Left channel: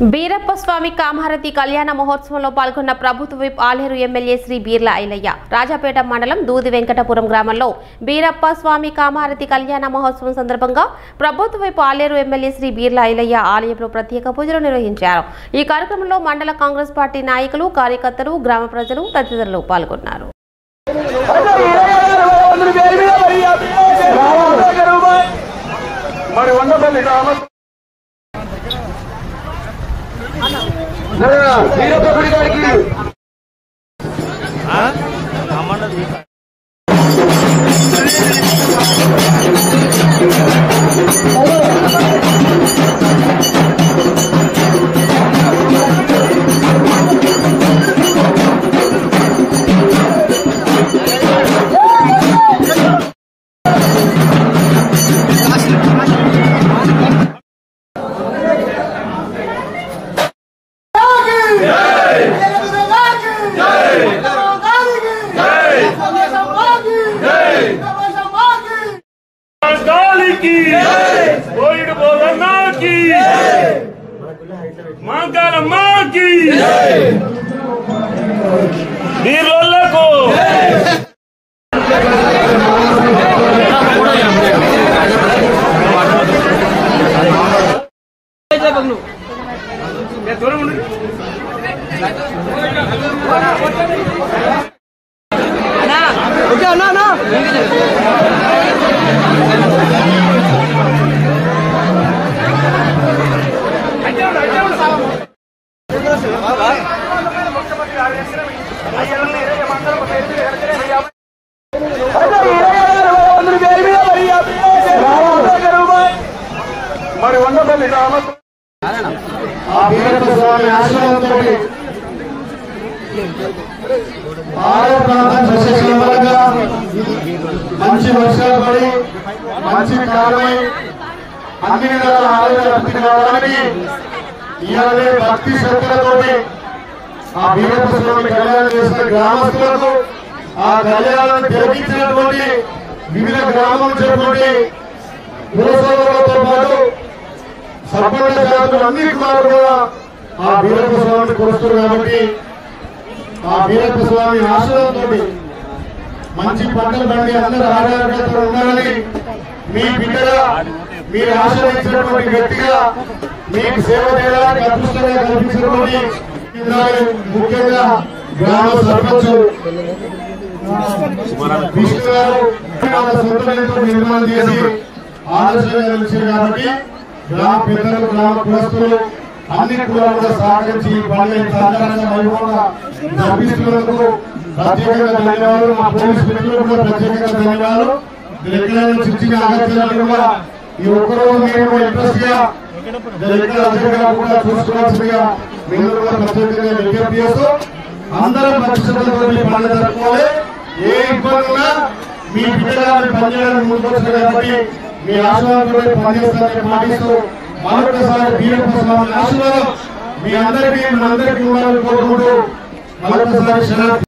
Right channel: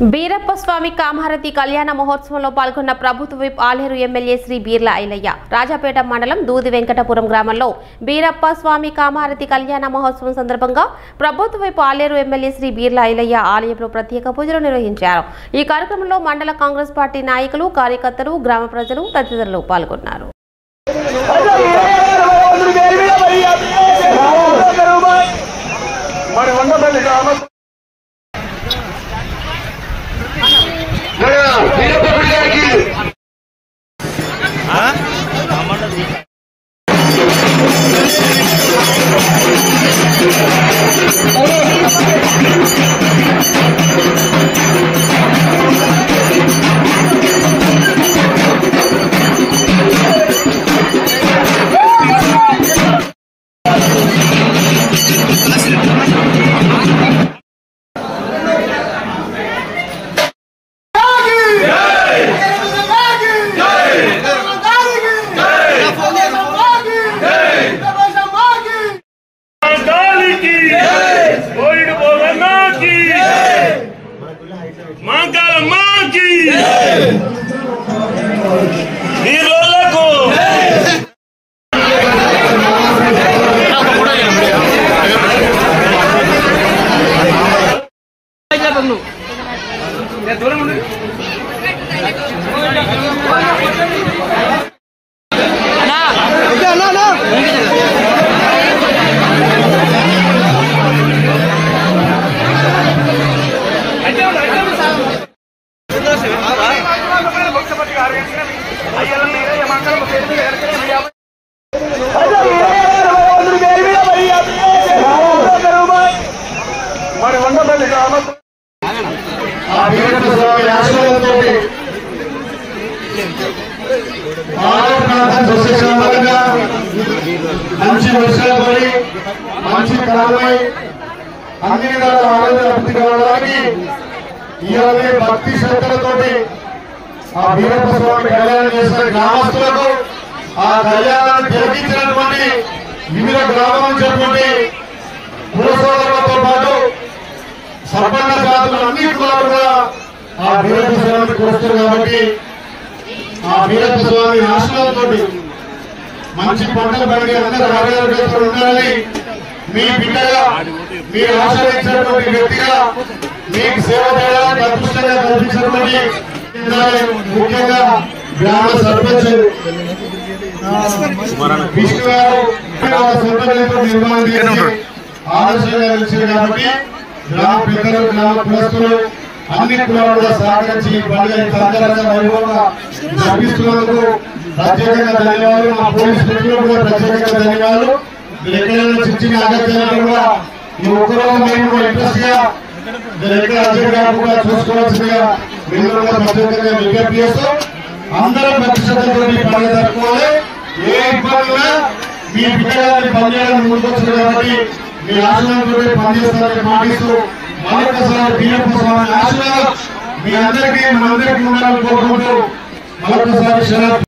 బీరప్ప స్వామి కామహారతి కళ్యాణ మహోత్సవంలో పాల్గొన్న ప్రభుత్వ విప్ ఆలేరు ఎమ్మెల్యే శ్రీ బీర్ల ఐలయ్య రాజాపేట మండలం దూది వెంకటపురం గ్రామంలో బీరప్ప స్వామి కామహారతి కళ్యాణ మహోత్సవం సందర్భంగా ప్రభుత్వ విప్ ఆలేరు ఎమ్మెల్యే శ్రీ బీర్ల ఐలయ్య ఆలయంలో ప్రత్యేక పూజలు నిర్వహించారు। ఈ కార్యక్రమంలో మండల కాంగ్రెస్ పార్టీ నాయకులు, కార్యకర్తలు, గ్రామ ప్రజలు తదితరులు పాల్గొన్నారు। మంచి వర్షాలు పడి మంచి కాలమై అన్ని ఆనందానికి ఇలానే భక్తి శ్రద్ధలతోటి ఆ బీరప్ప స్వామి కళ్యాణం చేసిన గ్రామస్తులకు ఆ కళ్యాణాన్ని జరిగించినటువంటి వివిధ గ్రామాల నుంచి పురస్కారాలతో పాటు సంపన్న జాతులు అన్ని కూడా ఆ బీరప్ప స్వామిని కొలుస్తారు కాబట్టి ఆ బీరప్ప స్వామి ఆశీర్వాదంతో మంచి పంటలు పండి అందరూ ఆరోగ్యంగా ఉండాలని మీ బిడ్డగా మీరు ఆశ్రయించినటువంటి వ్యక్తిగా మీకు సేవ చేయడానికి అదృష్టంగా కల్పించినటువంటి ముఖ్యంగా గ్రామ సర్పంచ్ విష్ణు గారు నిర్మాణం చేసి ఆదర్శంగా నిలిచింది కాబట్టి గ్రామ పెద్దలు, గ్రామ కులస్తులు అన్ని కులాలు సహకరించి పండుగ అంతరంగ వైభవంగా జరిపిస్తున్నందుకు ప్రత్యేకంగా ధన్యవాదాలు। మా పోలీసు మిత్రులు కూడా ప్రత్యేకంగా ధన్యవాదాలు। ఎక్కడైనా చిన్న అగత్యాలు కూడా ఈ ఒక్కరో మేము ఇంట్రెస్ట్ గా ఎక్కడ అధికంగా కూడా చూసుకోవాల్సిందిగా మీరు కూడా ప్రత్యేకంగా విజ్ఞప్తి చేస్తూ అందరం పక్షంతో పండుగ జరుపుకోవాలి। ఏ ఇబ్బంది మీ బిడ్డగారిని పనిచేయడానికి ముందుకొచ్చారు కాబట్టి మీ ఆశీర్వాదంతో పనిచేస్తారని పాటిస్తూ మరొకసారి బీరప్ప స్వామి ఆశీర్వాదం మీ అందరికీ మనందరికీ ఉండాలని కోరుకుంటూ మరొకసారి